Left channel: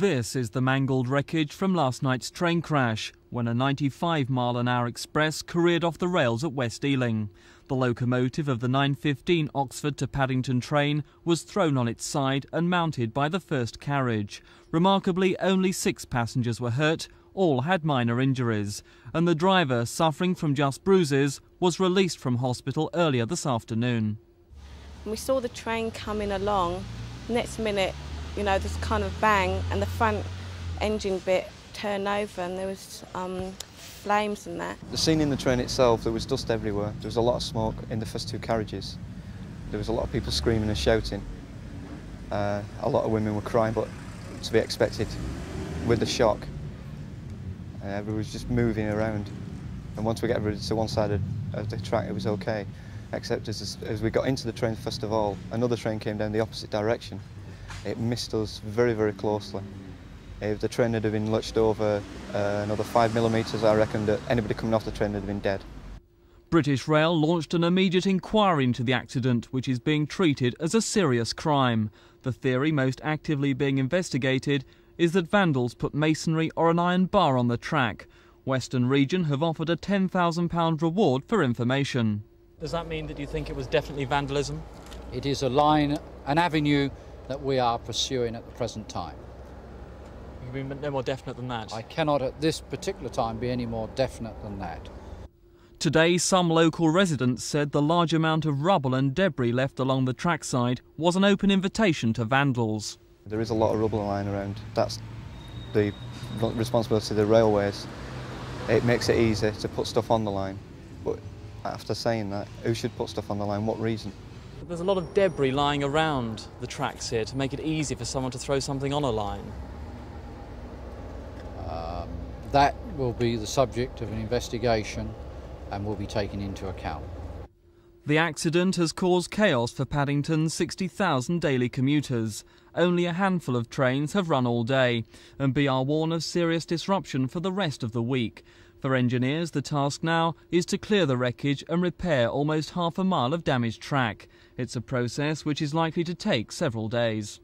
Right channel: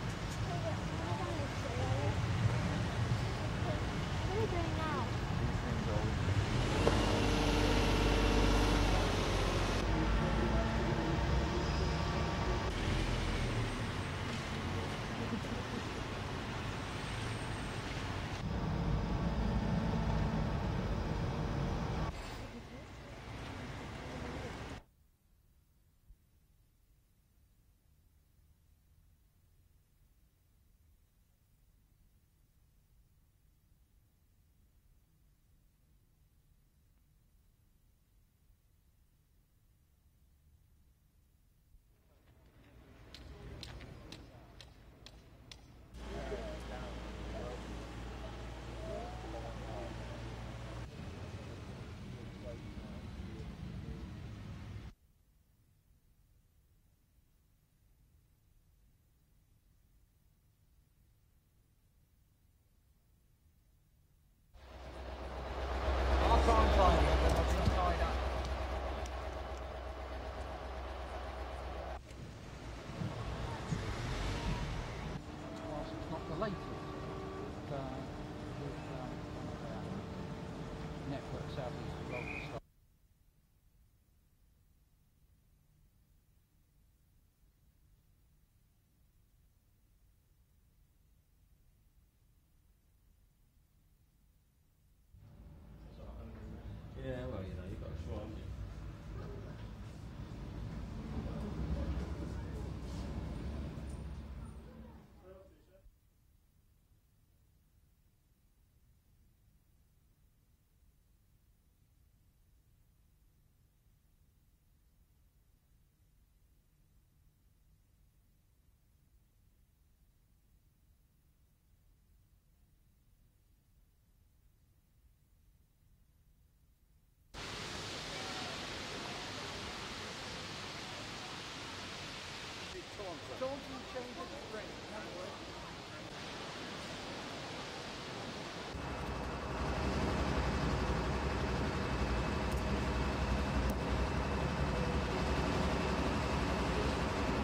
This is the mangled wreckage from last night's train crash, when a 95-mile-an-hour express careered off the rails at West Ealing. The locomotive of the 9:15 Oxford to Paddington train was thrown on its side and mounted by the first carriage. Remarkably, only 6 passengers were hurt, all had minor injuries, and the driver, suffering from just bruises, was released from hospital earlier this afternoon. We saw the train coming along. Next minute, there's kind of bang, and the front engine bit turned over, and there was flames and that. The scene in the train itself, there was dust everywhere. There was a lot of smoke in the first 2 carriages. There was a lot of people screaming and shouting. A lot of women were crying, but to be expected with the shock. Everyone was just moving around. And once we got rid to one side of the track, it was okay. Except as we got into the train, first of all, another train came down the opposite direction. It missed us very, very closely. If the train had been lurched over another 5 millimetres, I reckon that anybody coming off the train would have been dead. British Rail launched an immediate inquiry into the accident, which is being treated as a serious crime. The theory most actively being investigated is that vandals put masonry or an iron bar on the track. Western Region have offered a £10,000 reward for information. Does that mean that you think it was definitely vandalism? It is a line, an avenue that we are pursuing at the present time. You can be no more definite than that? I cannot at this particular time be any more definite than that. Today, some local residents said the large amount of rubble and debris left along the trackside was an open invitation to vandals. There is a lot of rubble lying around. That's the responsibility of the railways. It makes it easy to put stuff on the line. But after saying that, who should put stuff on the line? What reason? There's a lot of debris lying around the tracks here to make it easy for someone to throw something on a line. That will be the subject of an investigation and will be taken into account. The accident has caused chaos for Paddington's 60,000 daily commuters. Only a handful of trains have run all day, and BR warn of serious disruption for the rest of the week. For engineers, the task now is to clear the wreckage and repair almost half a mile of damaged track. It's a process which is likely to take several days.